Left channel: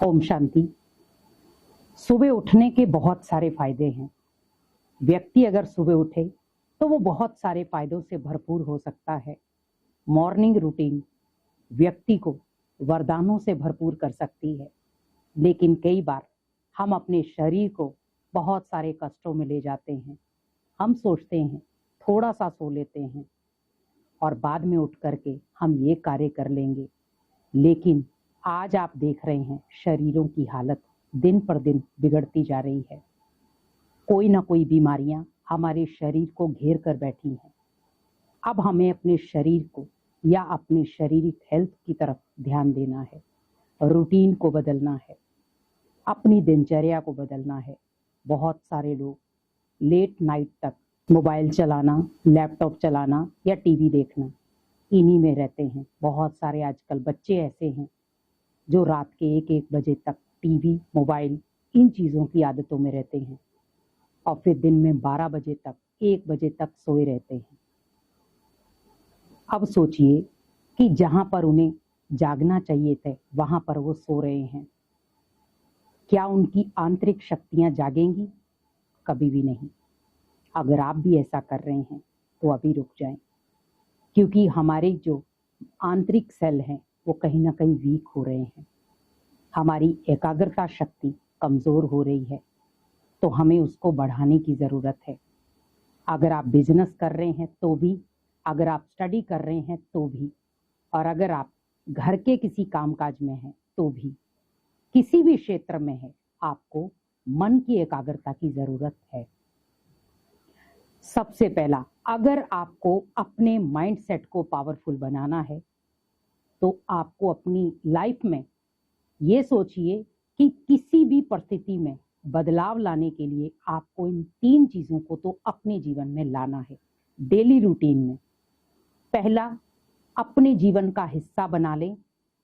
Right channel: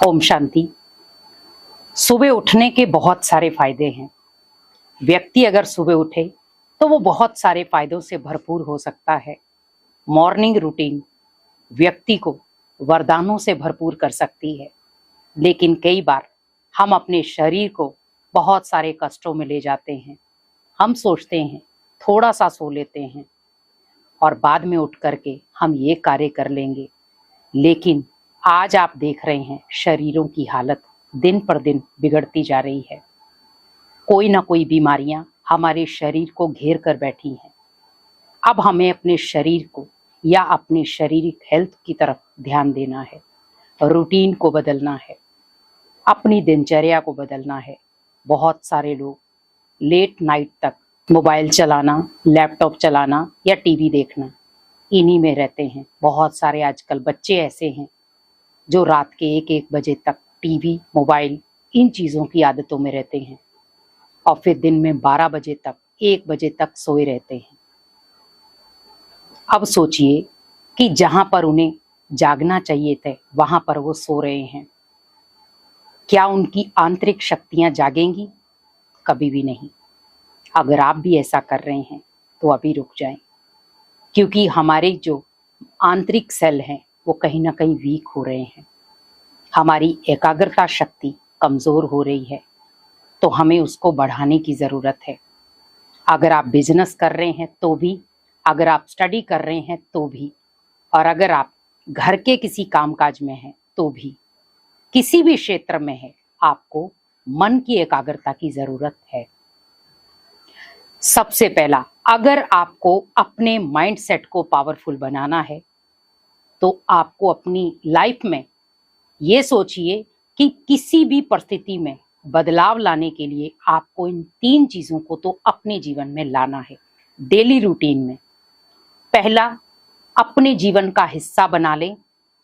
ओम शांति। सुबह उठने के बहुत सारे फायदे हैं। व्यक्ति अगर सुबह उठे तो वो बहुत सारे फायदों से भरपूर हो सकता है। मॉर्निंग रूटीन व्यक्ति को वरदानों से भरपूर कर सकती है, लेकिन कई बार हम अपने शरीर को बहुत सारे कष्टों में ले जाते हैं। हम सोचते हैं थोड़ा सा सो लेते हैं और बाद में उठ करके हम ये कार्य कर लेंगे, लेकिन आज आप देख रहे हैं शरीरों की हालत दिन पर दिन बिगड़ती जा रही है। कोई ना कोई बीमारियां हमारे शरीर को घेर कर बैठी हैं। अब हमें अपने शरीर को या अपने शारीरिक हेल्थ की तरफ ध्यान देना है, रूटीन को बदलना है, अपनी दिनचर्या को बदलना है। बहुत सारे लोग लेट नाइट तक मोबाइल चलाना, लैपटॉप चलाना या टीवी देखना, इन्हीं में रहते हैं। बहुत सारे आजकल बच्चे ऐसे हैं जो रात के 1-1 बजे तक टीवी, मोबाइल, इन चीज़ों की आदतों में रहते हैं और फिर दिन में 12 बजे तक, 1 बजे तक सोए रहते हैं। अब सोचिए कि जहां पर उन्हें जागना चाहिए थे वहां पर वो सो रहे हैं। क्या उनकी आंतरिक शक्तियां जागेंगी? कभी भी नहीं। अगर आप भी ऐसा कर रहे हैं तो अभी रुक जाएं, क्योंकि हमारे जो आंतरिक सेल हैं वो कहीं ना कहीं वीक हो रहे हैं। हमारी एकाग्रता शक्ति कमज़ोर हो रही है, तो हमें उसको बढ़ाने की ज़रूरत है। अगर आप बिजनेस कर रहे हैं तो भी, अगर आप स्टडी कर रहे हैं तो भी, और अगर आप घर के किसी कामकाज में हैं तो भी, किसी भी क्षेत्र में है, आपको मन की एकाग्रता की ज़रूरत है। सबसे पहला, अगर आपको अपने माइंड सेट को पावरफुल बनाना है तो आपको अपनी लाइफ में ये सोचिए कि किसी भी परिस्थिति में बदलाव लाने के लिए आपको इन 3 चीज़ों को तो अपने जीवन में लाना है, डेली रूटीन में। पहला, अपने जीवन का हिस्सा बना लें,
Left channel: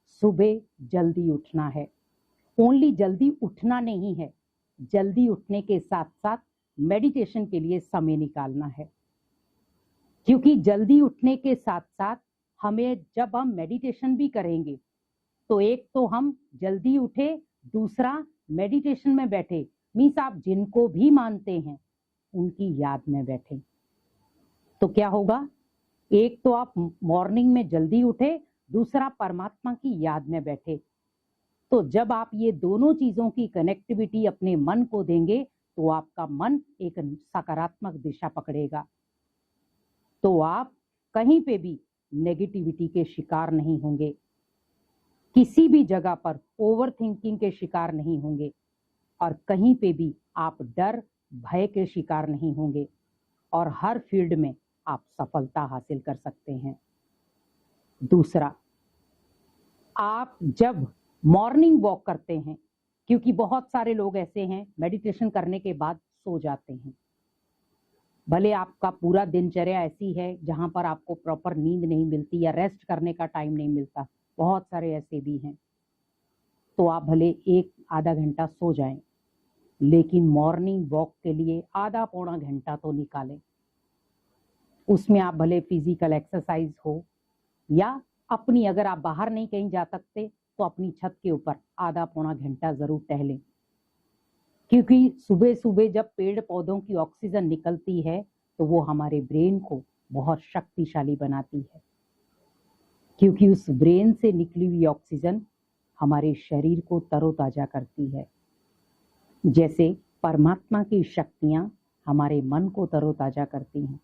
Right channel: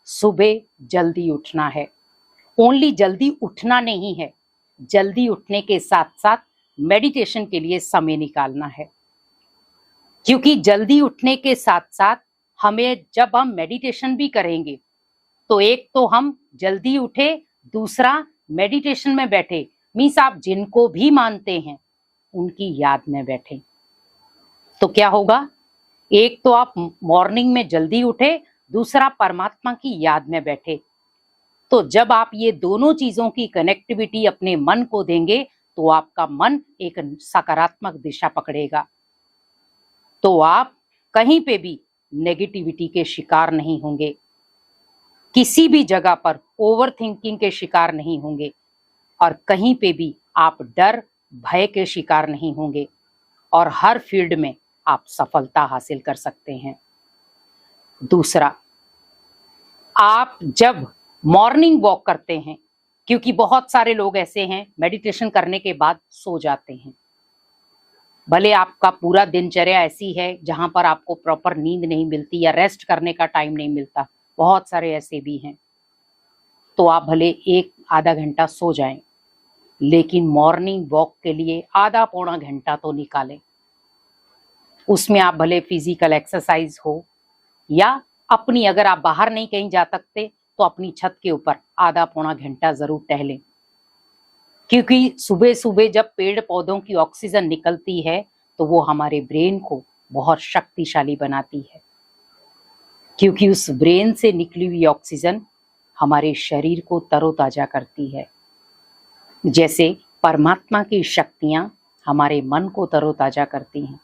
सुबह जल्दी उठना है। ओनली जल्दी उठना नहीं है, जल्दी उठने के साथ साथ मेडिटेशन के लिए समय निकालना है, क्योंकि जल्दी उठने के साथ साथ हमें, जब हम मेडिटेशन भी करेंगे तो एक तो हम जल्दी उठे, दूसरा मेडिटेशन में बैठे, मीन्स आप जिनको भी मानते हैं उनकी याद में बैठे। तो क्या होगा? एक तो आप मॉर्निंग में जल्दी उठे, दूसरा परमात्मा की याद में बैठे। तो जब आप ये दोनों चीजों की कनेक्टिविटी अपने मन को देंगे तो आपका मन एक सकारात्मक दिशा पकड़ेगा, तो आप कहीं पे भी नेगेटिविटी के शिकार नहीं होंगे, किसी भी जगह पर ओवर थिंकिंग के शिकार नहीं होंगे, और कहीं पे भी आप डर, भय के शिकार नहीं होंगे, और हर फील्ड में आप सफलता हासिल कर सकते हैं। दूसरा, आप जब मॉर्निंग वॉक करते हैं, क्योंकि बहुत सारे लोग ऐसे हैं मेडिटेशन करने के बाद सो जाते हैं। भले आपका पूरा दिनचर्या ऐसी है जहां पर आपको प्रॉपर नींद नहीं मिलती या रेस्ट करने का टाइम नहीं मिलता, बहुत सारे ऐसे भी हैं, तो आप भले 1-आधा घंटा सो जाएं, लेकिन मॉर्निंग वॉक के लिए आधा-पौना घंटा तो निकालें। उसमें आप भले फिजिकल एक्सरसाइज हो या अपनी, अगर आप बाहर नहीं कहीं जा सकते तो अपनी छत के ऊपर आधा-पौना घंटा जरूर टहलें, क्योंकि सुबह सुबह जब पेड़ पौधों की ऑक्सीजन निकलती है तो वो हमारे ब्रेन को बहुत शक्तिशाली बनाती है, क्योंकि उस ब्रेन से निकली हुई ऑक्सीजन हमारे शरीर को तरोताजा करती है। जैसे परमात्मा की शक्तियाँ हमारे मन को तरोताजा करती हैं।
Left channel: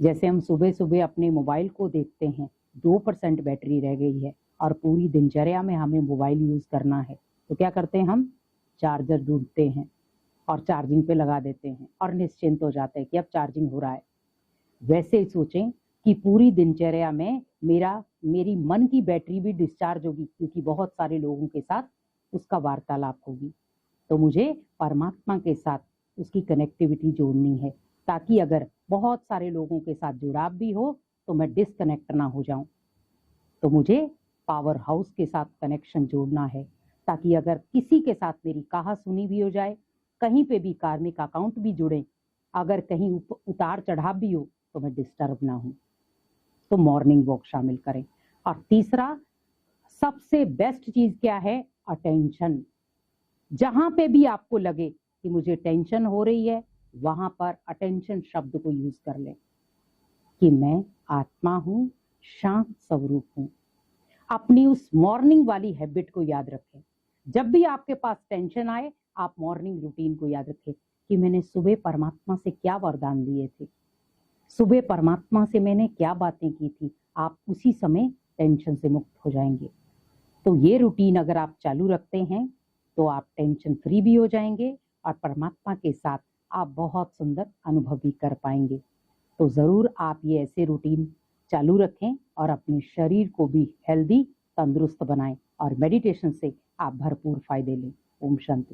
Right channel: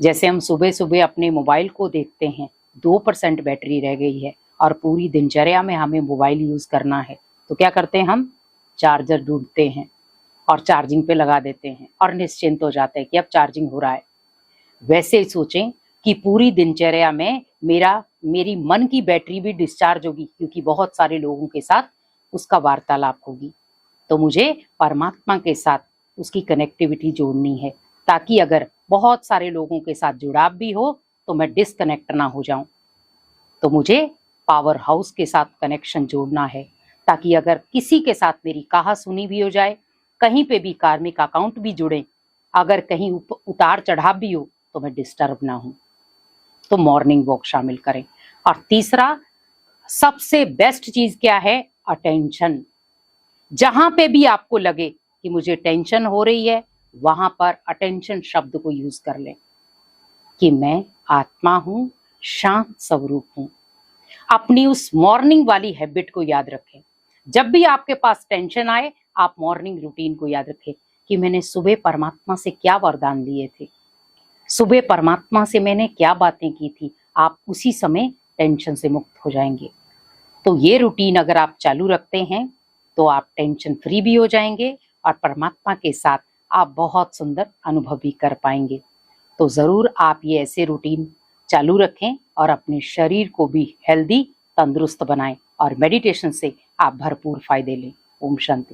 जैसे हम सुबह सुबह अपने मोबाइल को देखते हैं, 2% बैटरी रह गई है और पूरी दिनचर्या में हमें मोबाइल यूज़ करना है, तो क्या करते हैं हम? चार्जर ढूंढते हैं और चार्जिंग पे लगा देते हैं और निश्चिंत हो जाते हैं कि अब चार्जिंग हो रहा है। वैसे ही सोचें कि पूरी दिनचर्या में मेरी मन की बैटरी भी डिस्चार्ज होगी, क्योंकि बहुत सारे लोगों के साथ उसका वार्तालाप होगी, तो मुझे परमात्मा के साथ उसकी कनेक्टिविटी जोड़नी है, ताकि अगर बहुत सारे लोगों के साथ जुड़ाव भी हो तो मैं डिस्कनेक्ट ना हो जाऊं। तो मुझे पावर हाउस के साथ कनेक्शन जोड़ना है, ताकि अगर किसी के साथ मेरी कहा सुनी भी हो जाए, कहीं पे भी कार्मिक अकाउंट भी जुड़े, अगर कहीं उतार चढ़ाव भी हो तो मैं डिस्टर्ब ना हूं। तो मॉर्निंग वॉक शामिल करें। और तीसरा, सबसे बेस्ट चीज क्या है? अटेंशन। जहां पे भी आपको लगे कि मुझे टेंशन हो रही है, वहां पर अटेंशन शब्द को यूज कर लें कि मैं आत्मा हूं, शांत स्वरूप हूं। अपनी उस मॉर्निंग वाली हैबिट को याद रखें। जब भी आपके पास टेंशन आए, आप मॉर्निंग रूटीन को याद रखें कि मैंने सुबह परमात्मा से क्या वरदान लिए थे, सुबह परमात्मा से मैंने क्या बातें की थी। आप उसी समय टेंशन से मुक्त हो जाएंगे। तो ये रूटीन अगर आप चालू रखते हैं तो आप टेंशन फ्री भी हो जाएंगे और परमात्मा के साथ आप बहुत सुंदर अनुभव भी कर पाएंगे। तो ज़रूर आप ये ऐसे रूटीन चालू रखें और अपने शरीर को भी हेल्दी, तंदुरुस्त बनाएं और मेडिटेशन से आप भरपूर फायदे लें। ओम शांति।